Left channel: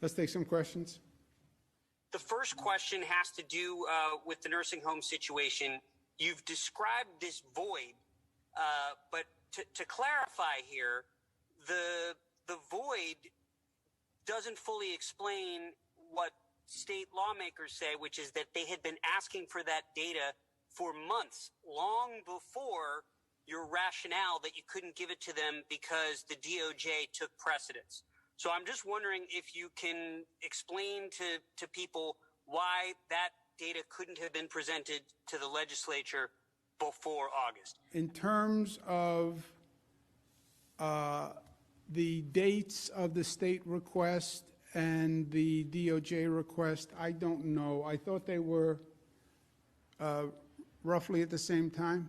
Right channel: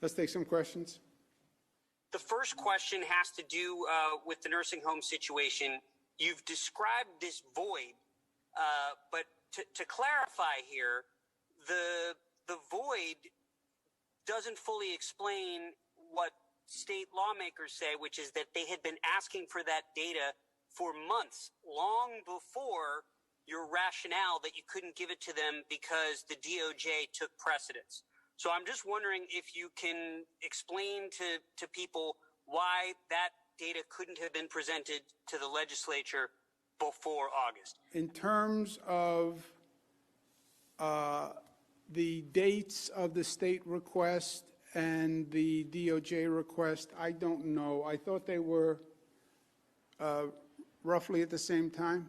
Let's take some questions. The first question has to do with the nursing home situation. You've described this void, but to clarify here, the void doesn't fully explain what state lawmakers say, which is that they had been asking for that data for months, long before your rationale that you couldn't give it to them because the DOJ took precedence. So I'm just wondering if you can explain to people why that data couldn't have been presented to the legislature before August. In terms of the dates of the state request and the DOJ request, I don't know. I thought they were roughly at the same time.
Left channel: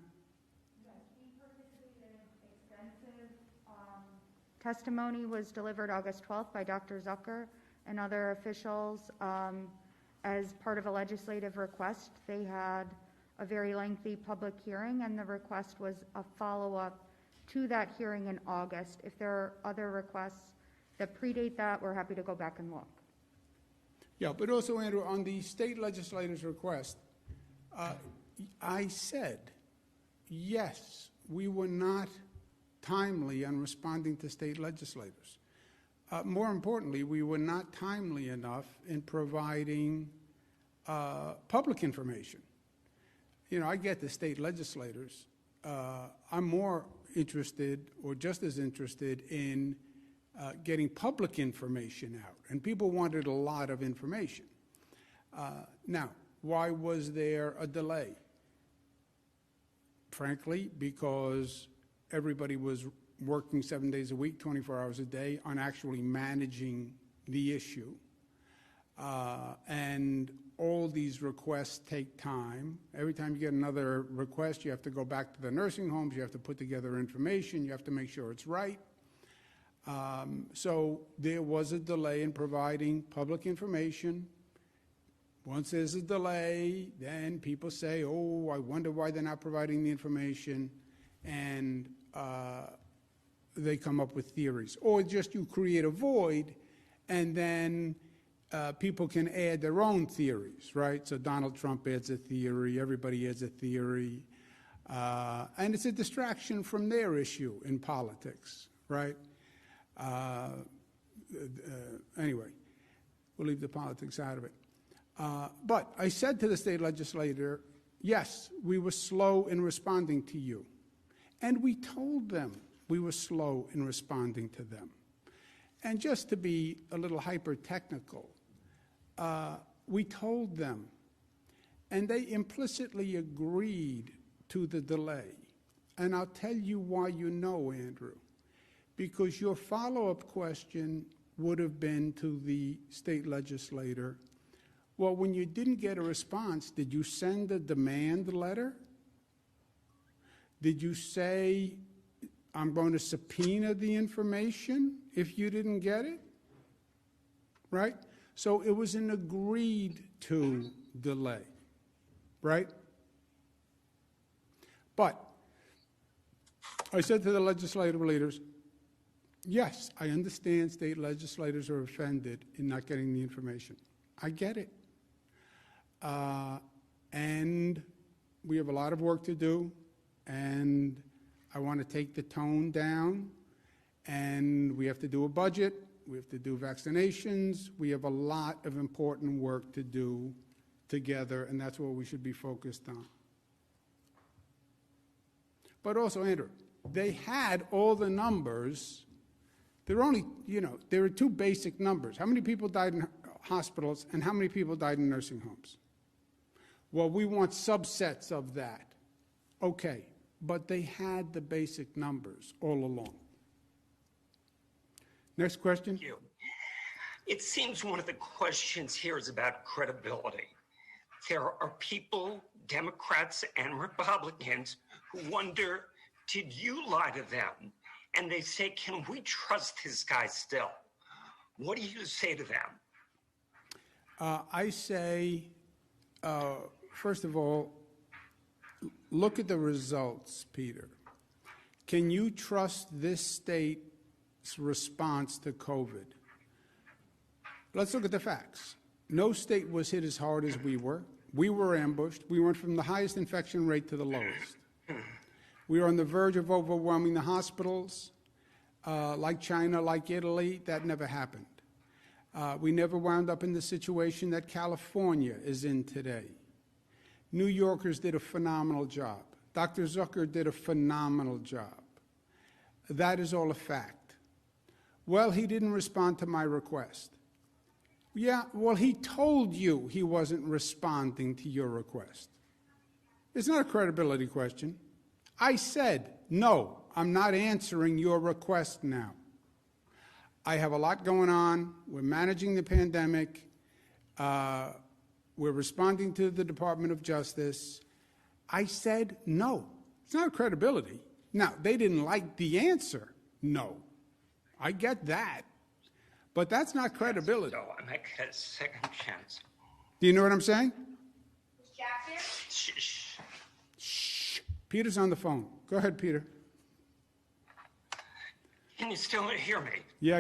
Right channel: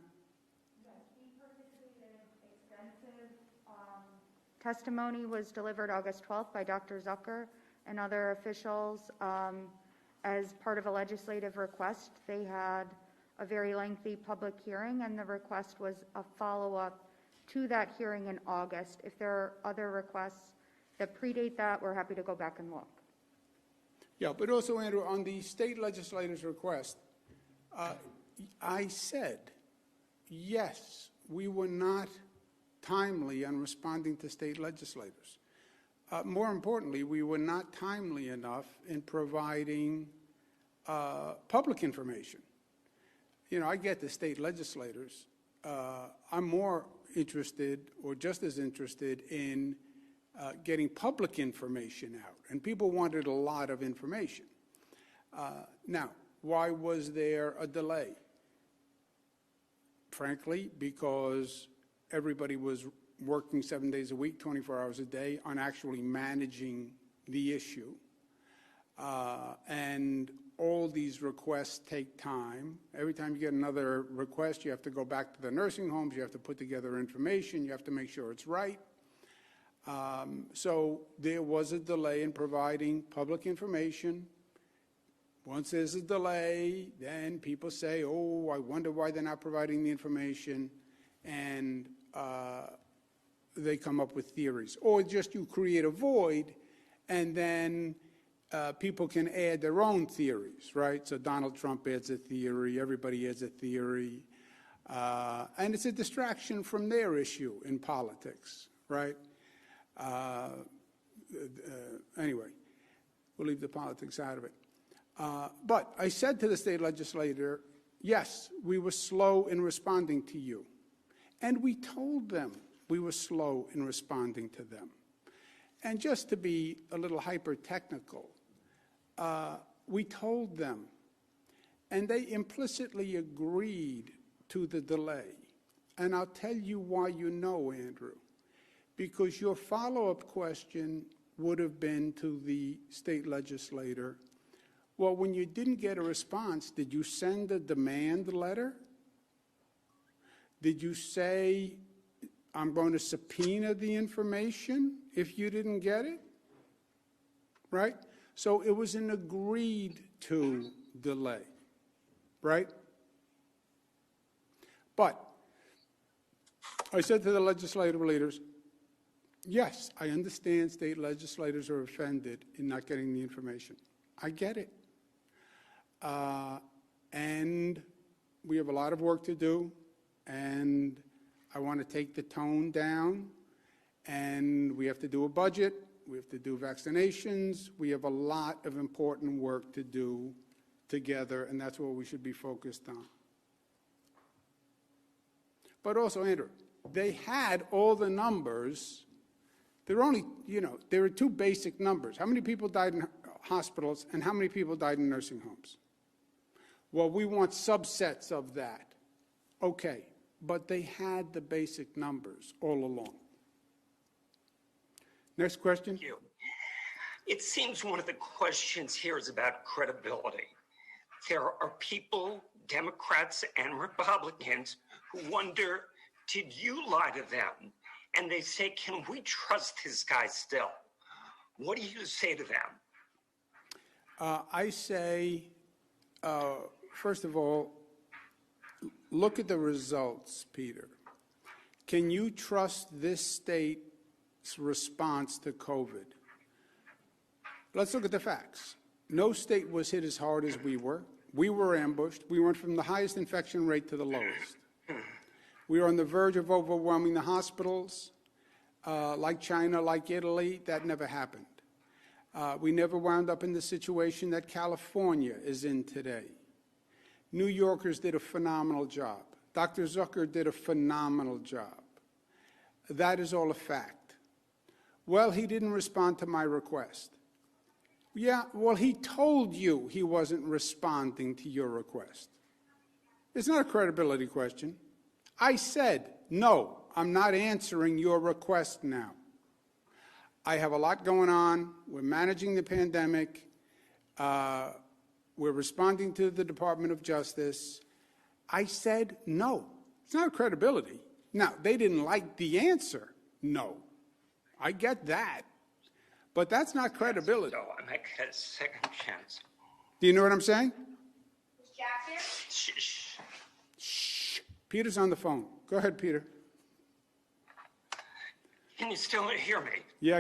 Testimony was delivered August 12th by Dr. Zucker and other officials as part of a legislative request. They had a very lengthy public hearing, and the request was a follow-up to that hearing in August. If there are other requests that predate that, we're happy to go back and look. Yeah, but also, Andrew, on the state legislator's request, I said, yes, we were not timely on responding to state legislators. More importantly, we were not timely enough in providing public information. You know, I get the state legislators. I'm more interested, or just as interested, in getting public information out, and people wanted a lot of information. Now, why was there a delay? Frankly, because everybody was working 7 days a week, 24 hours a day on actually managing the issue. And all these requests take time. Every time you get another request, you have to go back to the nursing homes, you have to put together information, you have to make sure it's right. So there was a delay in providing public information. Once there's a delay, then people say, oh, I wonder why they're not providing the information, and they come up with theories. Or just you create a void, and then people can add their own theories, right? So Donald Trump adds a theory, everybody adds a theory, and it's a distraction from their issue in politics, right? Anyway, we'll leave the politics out of it. But I said to the state legislator, yes, we were slow in responding to you. And we told them we were slow in responding to them. And just to be a little hyper-technical, we told them, and they implicitly agreed to the delay. And I'll tell you why you know, Andrew. Because your follow-up question would have been to the state legislator, well, when you didn't get a response, did you send a demand letter? Did you say, I'm going to subpoena the information if you didn't get it? Right? So it was an agreed to delay, right? But I said to the legislative leaders, yes, I understand state legislators are offended in not getting the information. I get it. And we have a lot of work to do, and I want to take the tone down, and we have to do a budget, we have to do vaccinations, we have a lot of important work to do together, and that's what we should be focused on. But also, Andrew, they had all the numbers. There are only, there are two basic numbers. How many people died in hospitals and how many people died in nursing homes? Well, we want subsets of that. Okay, but they had the basic numbers all along. Next question. Thank you. It seems one of the questions here is about credibility. There are people, Democrats and Republicans, who wonder, did you lie to them? And they say, can we trust this guy still? What do you say to them? I say, first of all, look at the results, Peter. Can you trust this state's response to COVID? Let's look at the facts. No state was hit as hard as we were. We were ambushed. We went from the highest infection rate to the lowest. We were on the verge of overwhelming the hospitals, like China, like Italy. That never happened. We never wound up in the situation that California is in today. New Yorkers did a phenomenal job. Dr. Zucker did a phenomenal job. That is all a fact. Well, he didn't respond to my request. Yeah, well, he told you he wasn't responding to your request. It's not a credibility question. I said, no, I'm not answering your request now. I have a lot going on. We're managing the pandemic. We're responding to the Department of Justice. I said no. It's not credibility. Now, they didn't like the answer, no. I get that. But that's not credibility. So I might get a second chance. Do you know what I'm saying? Is Jack here? Shh. Shh. Peter's on the phone. Go ahead, Peter. Can you still hear me? Yeah.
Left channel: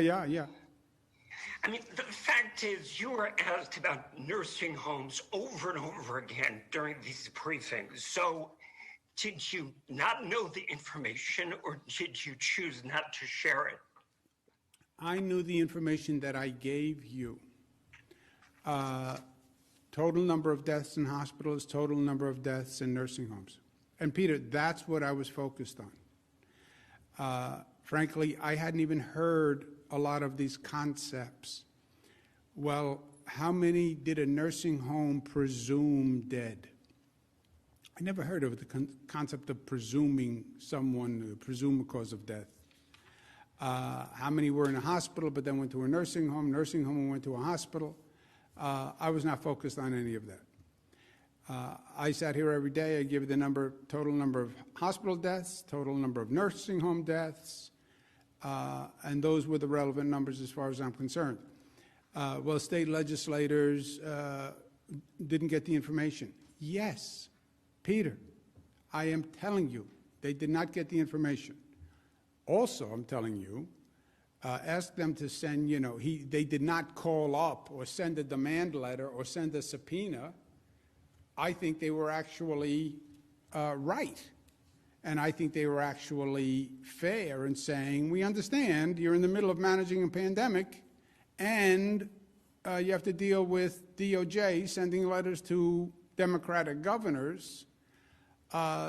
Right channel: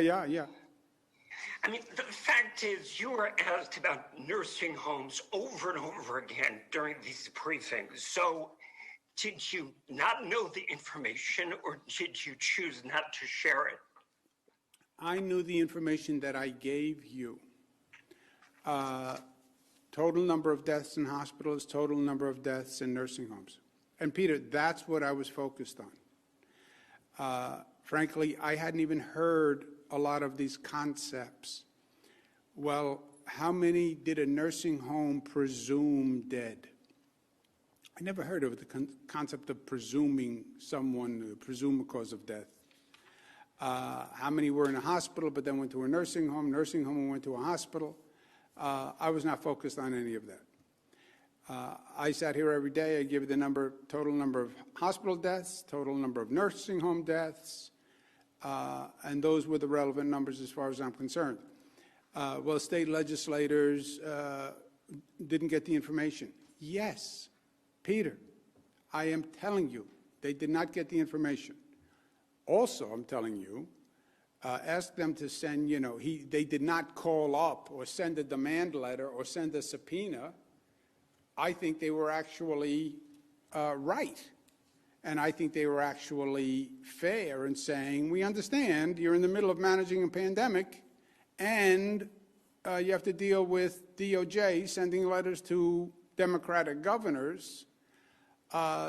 I mean, the fact is, you were asked about nursing homes over and over again during these briefings. So, did you not know the information, or did you choose not to share it? I knew the information that I gave you. Total number of deaths in hospitals, total number of deaths in nursing homes. And Peter, that's what I was focused on. Frankly, I hadn't even heard a lot of these concepts. Well, how many did a nursing home presume dead? I never heard of the concept of presuming someone, presume a cause of death. How many were in a hospital but then went to a nursing home and went to a hospital? I was not focused on any of that. I sat here every day. I give you the total number of hospital deaths, total number of nursing home deaths, and those were the relevant numbers as far as I'm concerned. Well, state legislators didn't get the information. Yes, Peter, I am telling you, they did not get the information. Also, I'm telling you, ask them to send, they did not call up or send a demand letter or send a subpoena. I think they were actually right. And I think they were actually fair in saying, we understand you're in the middle of managing a pandemic and you have to deal with DOJ sending letters to Democratic governors.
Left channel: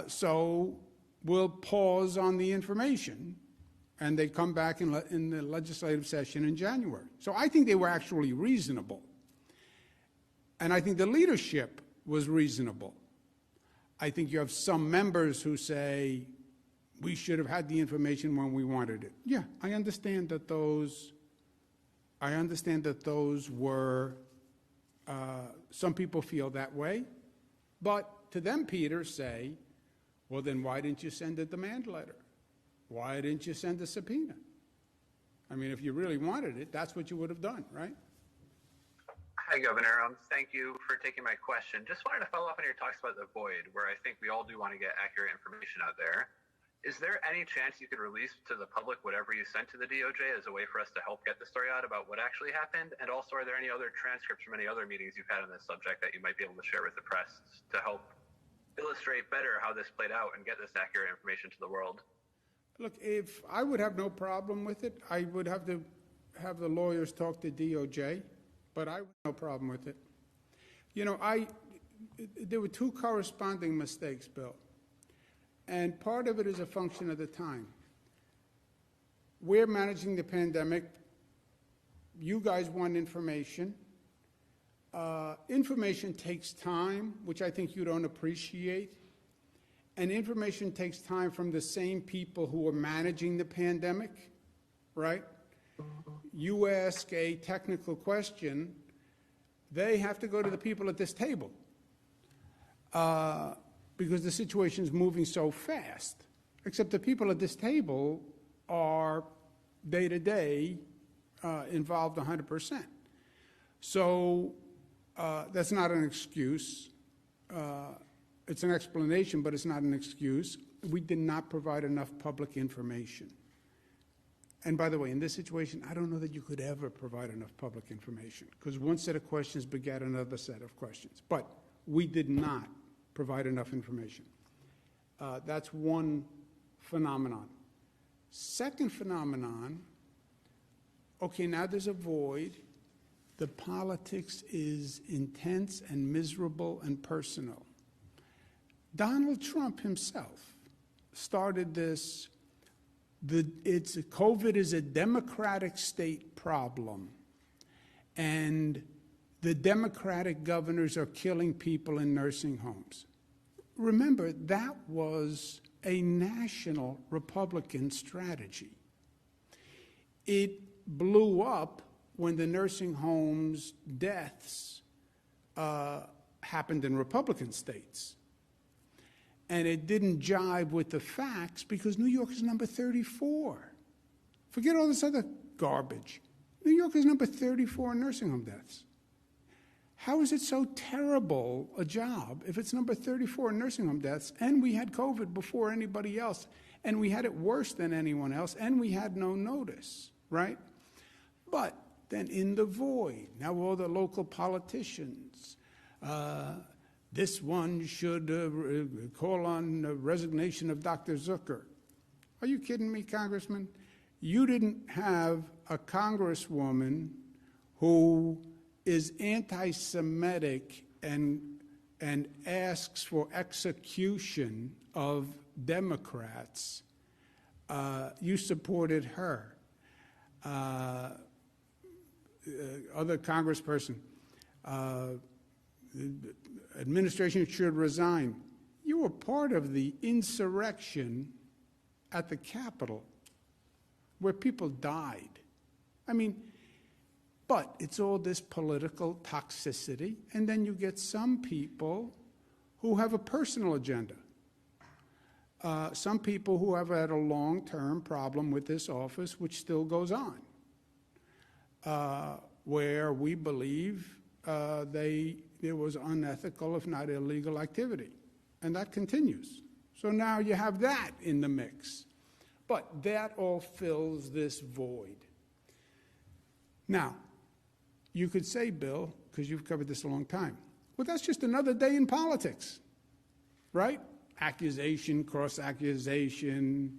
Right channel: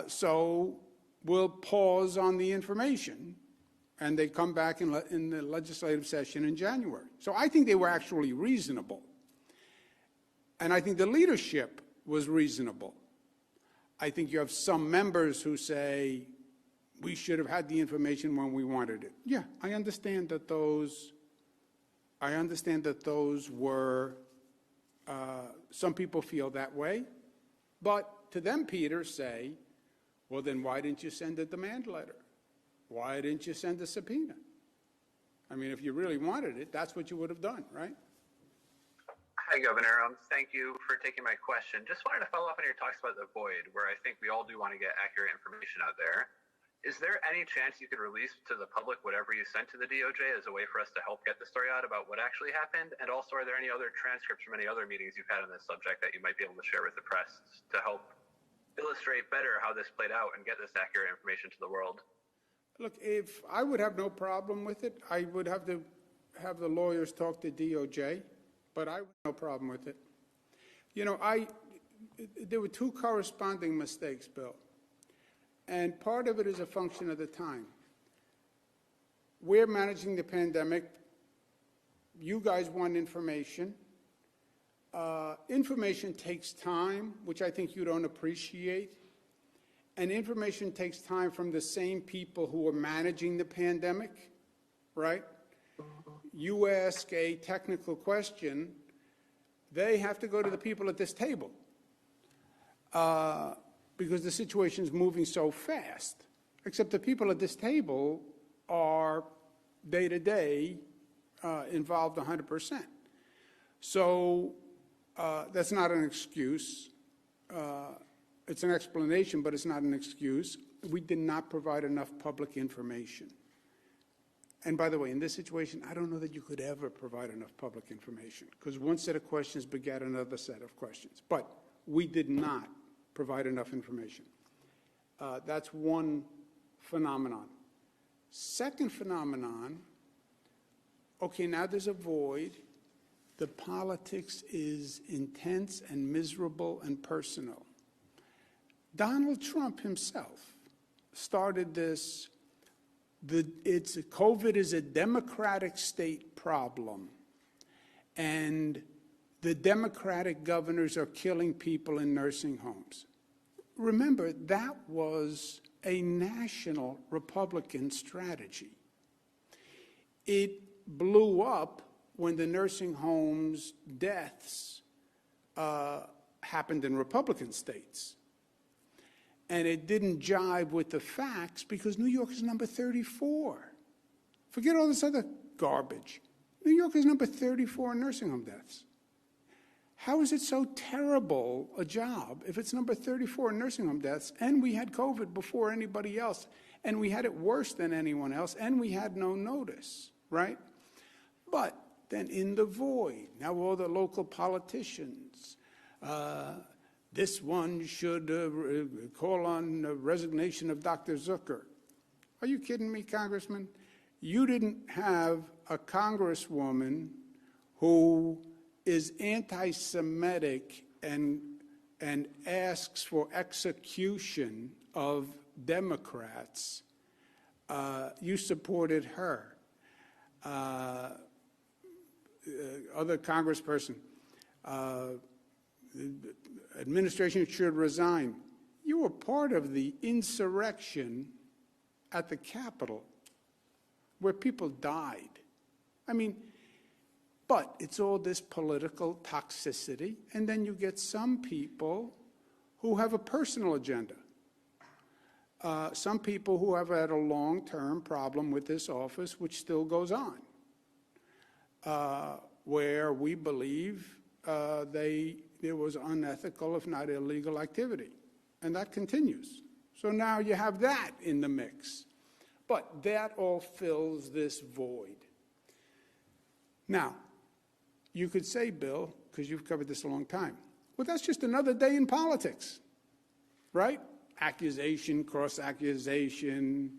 So we'll pause on the information. And they come back in the legislative session in January. So I think they were actually reasonable. And I think the leadership was reasonable. I think you have some members who say, we should have had the information when we wanted it. Yeah, I understand that those were, some people feel that way. But to them, Peter, say, well, then why didn't you send a demand letter? Why didn't you send a subpoena? I mean, if you really wanted it, that's what you would have done, right? Hi, Governor. Thank you for taking my question. Just wanted to follow up on your talks about the void, where I think we all do want to get accurate information out there. Is there any chance you could release to the public whatever you sent to the DOJ as a way for us to help get the story out about what actually happened? And also, are there any other transcripts from any other meetings you've had on this subject that you might be able to share with the press to help illustrate better how this played out and get this accurate information to the world? Look, if I would have no problem with it, I would have to have the lawyers talk to DOJ, but I would have no problem with it. There were two corresponding mistakes, Bill, and part of it is a function of the time. We're managing the pandemic. You guys want information. Information takes time, which I think you don't appreciate. And information takes time from the same people who are managing the pandemic, right? You ask a technical question, they have to go to the people at this table because the situation is moving so fast. Except the people at this table are day-to-day involved 100%. So that's not an excuse. It's an explanation, but it's not an excuse. We did not provide enough public information. And by the way, in this situation, I don't know that you could ever provide enough public information, because one set of questions begat another set of questions. But we did not provide enough information. That's one phenomenon. Second phenomenon, okay, now there's a void. The politics is intense and miserable and personal. Donald Trump himself started this. COVID is a Democratic state problem, and the Democratic governors are killing people in nursing homes. Remember, that was a national Republican strategy. It blew up when the nursing homes deaths happened in Republican states. And it didn't jive with the facts because New York is number 34. Forget all this other garbage. New York is number 34 in nursing home deaths. How is it so terrible a job if it's number 34 in nursing home deaths, and we had COVID before anybody else, and we had it worse than anyone else, and we had no notice, right? But then in the void, now all the local politicians, this one should call on the resignation of Dr. Zucker. Are you kidding me, Congressman? You didn't have a congresswoman who is anti-Semitic and asks for execution of Democrats. You supported her. Other congressperson, administration should resign. You were part of the insurrection at the Capitol where people died. I mean, but it's all this political toxicity, and then you get some people who have a personal agenda. Some people who have had a long-term problem with this office, which still goes on, where we believe there was unethical, if not illegal, activity. And that continues. So now you have that in the mix. But that all fills this void. Now, you could say, Bill, because you've covered this a long time, well, that's just another day in politics, right? Accusation, cross-accusation,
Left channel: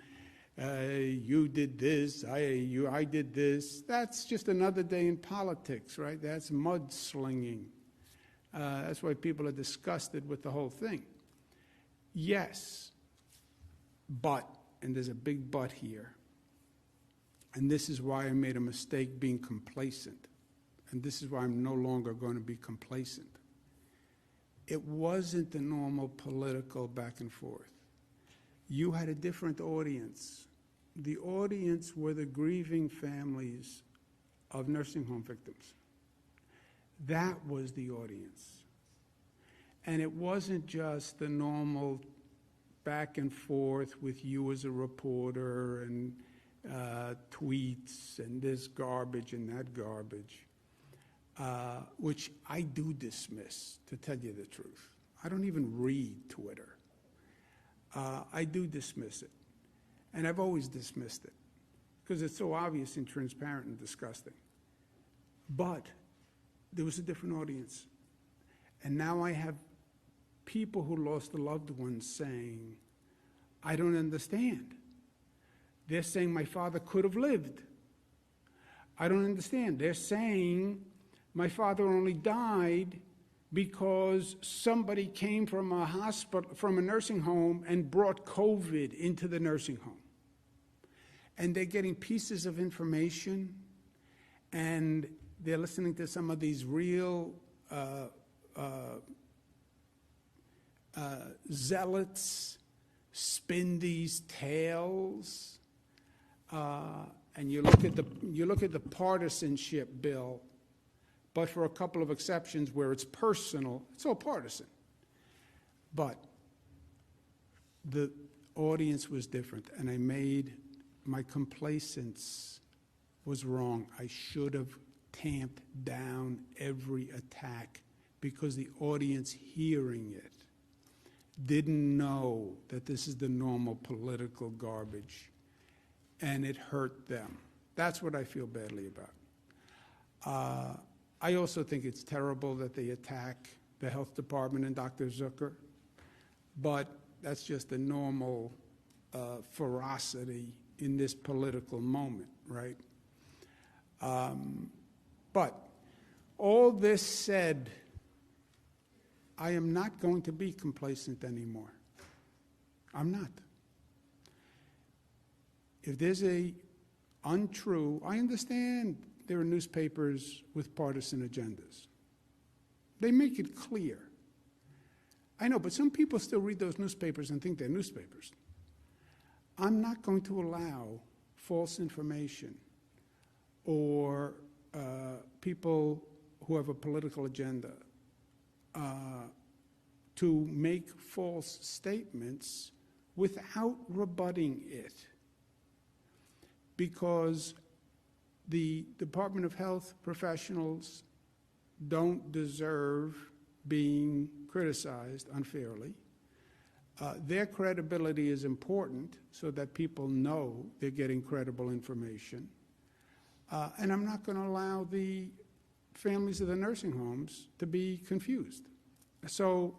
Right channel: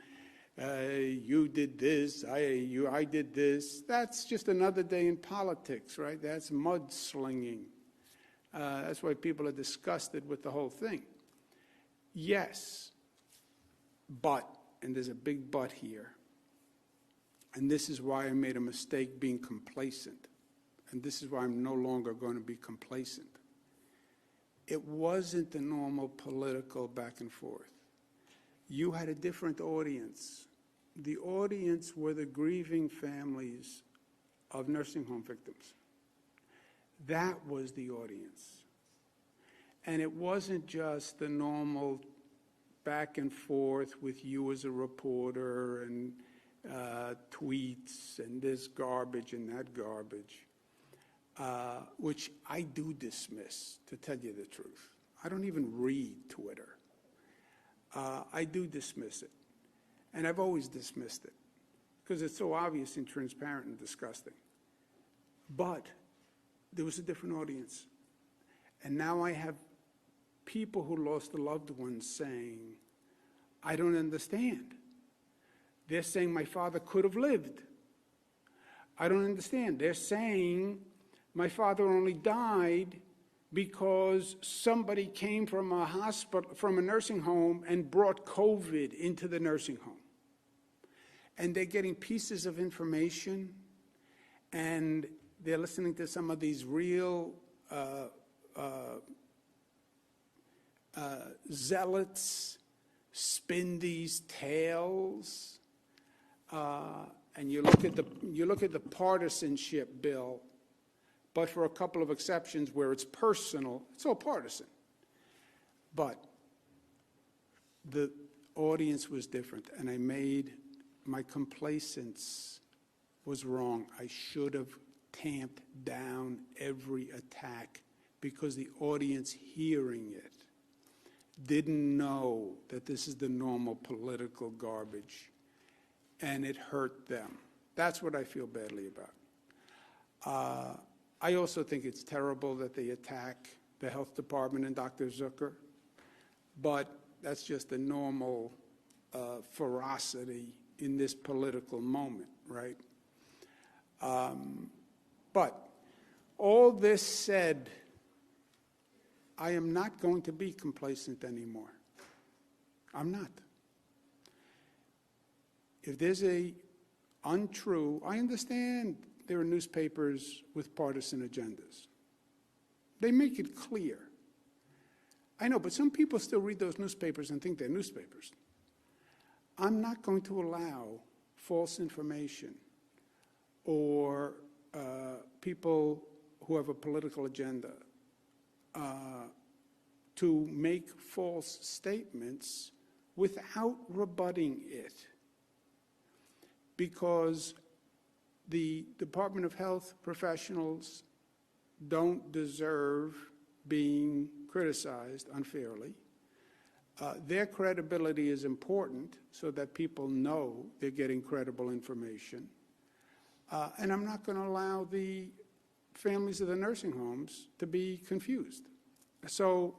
you did this, I did this. That's just another day in politics, right? That's mudslinging. That's why people are disgusted with the whole thing. Yes, but, and there's a big but here, and this is why I made a mistake being complacent, and this is why I'm no longer going to be complacent. It wasn't the normal political back and forth. You had a different audience. The audience were the grieving families of nursing home victims. That was the audience. And it wasn't just the normal back and forth with you as a reporter and tweets and this garbage and that garbage, which I do dismiss, to tell you the truth. I don't even read Twitter. I do dismiss it. And I've always dismissed it because it's so obvious and transparent and disgusting. But there was a different audience. And now I have people who lost a loved one saying, I don't understand. They're saying my father could have lived. I don't understand. They're saying my father only died because somebody came from a hospital, from a nursing home, and brought COVID into the nursing home. And they're getting pieces of information, and they're listening to some of these real zealots spin these tales, and you look at the partisanship, Bill. But for a couple of exceptions where it's personal, it's all partisan. But the audience was different, and my complacence was wrong. I should have tamped down every attack because the audience hearing it didn't know that this is the normal political garbage, and it hurt them. That's what I feel badly about. I also think it's terrible that they attack the health department and Dr. Zucker, but that's just the normal ferocity in this political moment, right? But all this said, I am not going to be complacent anymore. I'm not. If there's a untrue, I understand there are newspapers with partisan agendas. They make it clear. I know, but some people still read those newspapers and think they're newspapers. I'm not going to allow false information or people who have a political agenda to make false statements without rebutting it. Because the Department of Health professionals don't deserve being criticized unfairly. Their credibility is important so that people know they're getting credible information. And I'm not going to allow the families of the nursing homes to be confused. So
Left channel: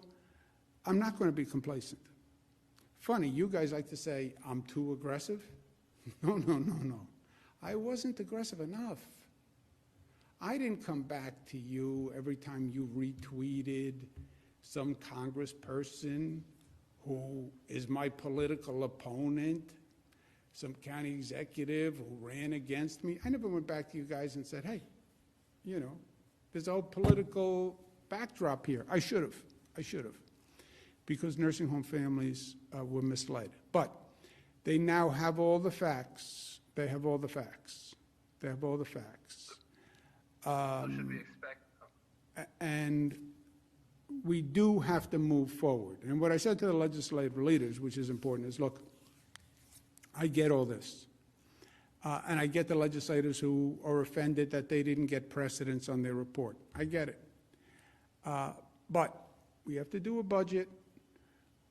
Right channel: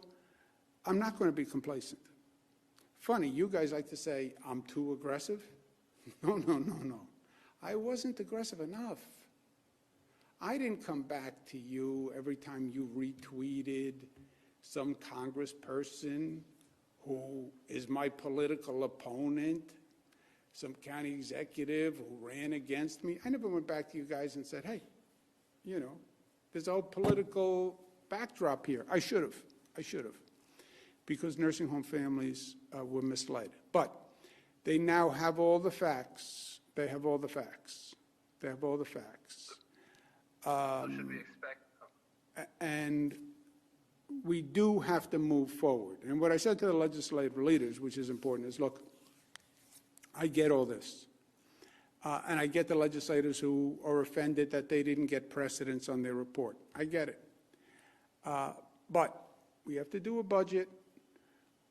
I'm not going to be complacent. Funny, you guys like to say I'm too aggressive. No. I wasn't aggressive enough. I didn't come back to you every time you retweeted some congressperson who is my political opponent, some county executive who ran against me. I never went back to you guys and said, hey, you know, there's a whole political backdrop here. I should have, because nursing home families were misled. But they now have all the facts. They have all the facts. Should we expect? And we do have to move forward. And what I said to the legislative leaders, which is important, is, look, I get all this. And I get the legislators who are offended that they didn't get precedence on their report. I get it. But we have to do a budget.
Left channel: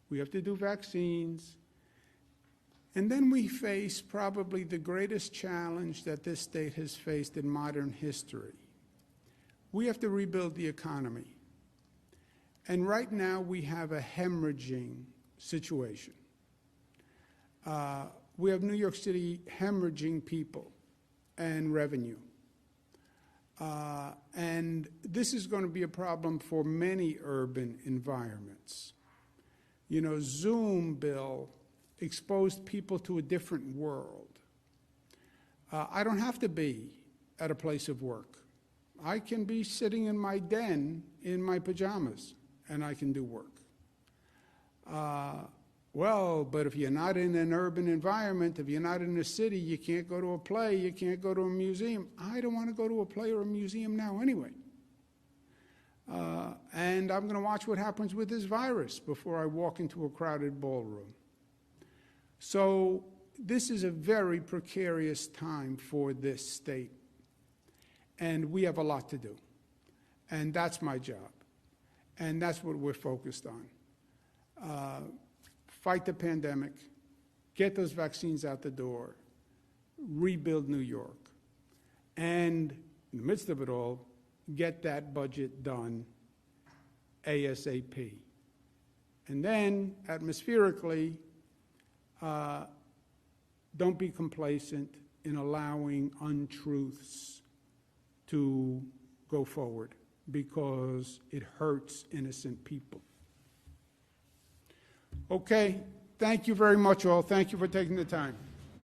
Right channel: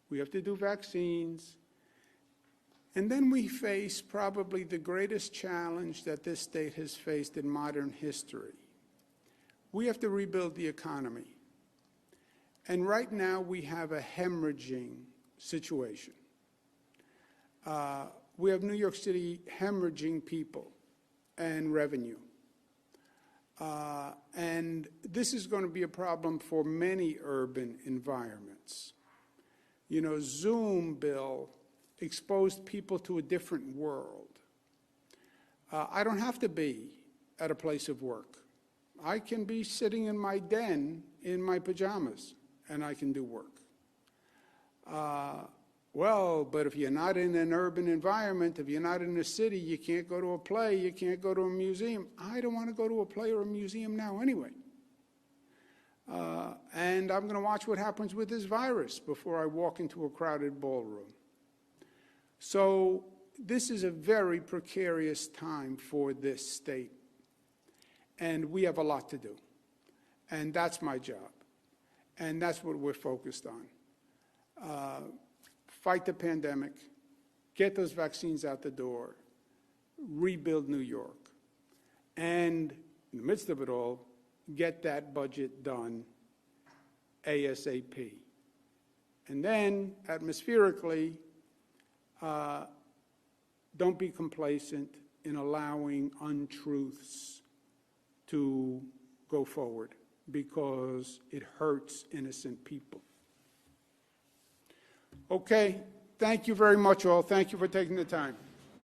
We have to do vaccines. And then we face probably the greatest challenge that this state has faced in modern history. We have to rebuild the economy. And right now we have a hemorrhaging situation. We have New York City hemorrhaging people and revenue. And this is going to be a problem for many urban environments. You know, Zoom, Bill, exposed people to a different world. I don't have to be at a place of work. I can be sitting in my den in my pajamas, and I can do work. Well, but if you're not in an urban environment, if you're not in a city, you can't go to a play, you can't go to a museum. I don't want to go to a play or a museum now anyway. And I'm going to watch what happens with this virus before I walk into a crowded ballroom. So this is a very precarious time for this state. And we have a lot to do. And that's my job. And that's what we're focused on. Fight the pandemic, get those vaccines out the door, rebuild New York, and in the midst of it all, get that budget done ASAP. And then, atmospherically, don't be complacent in allowing untruths to go forward, because it hurts innocent people. Okay, thank you very much all. Thank you for taking the time.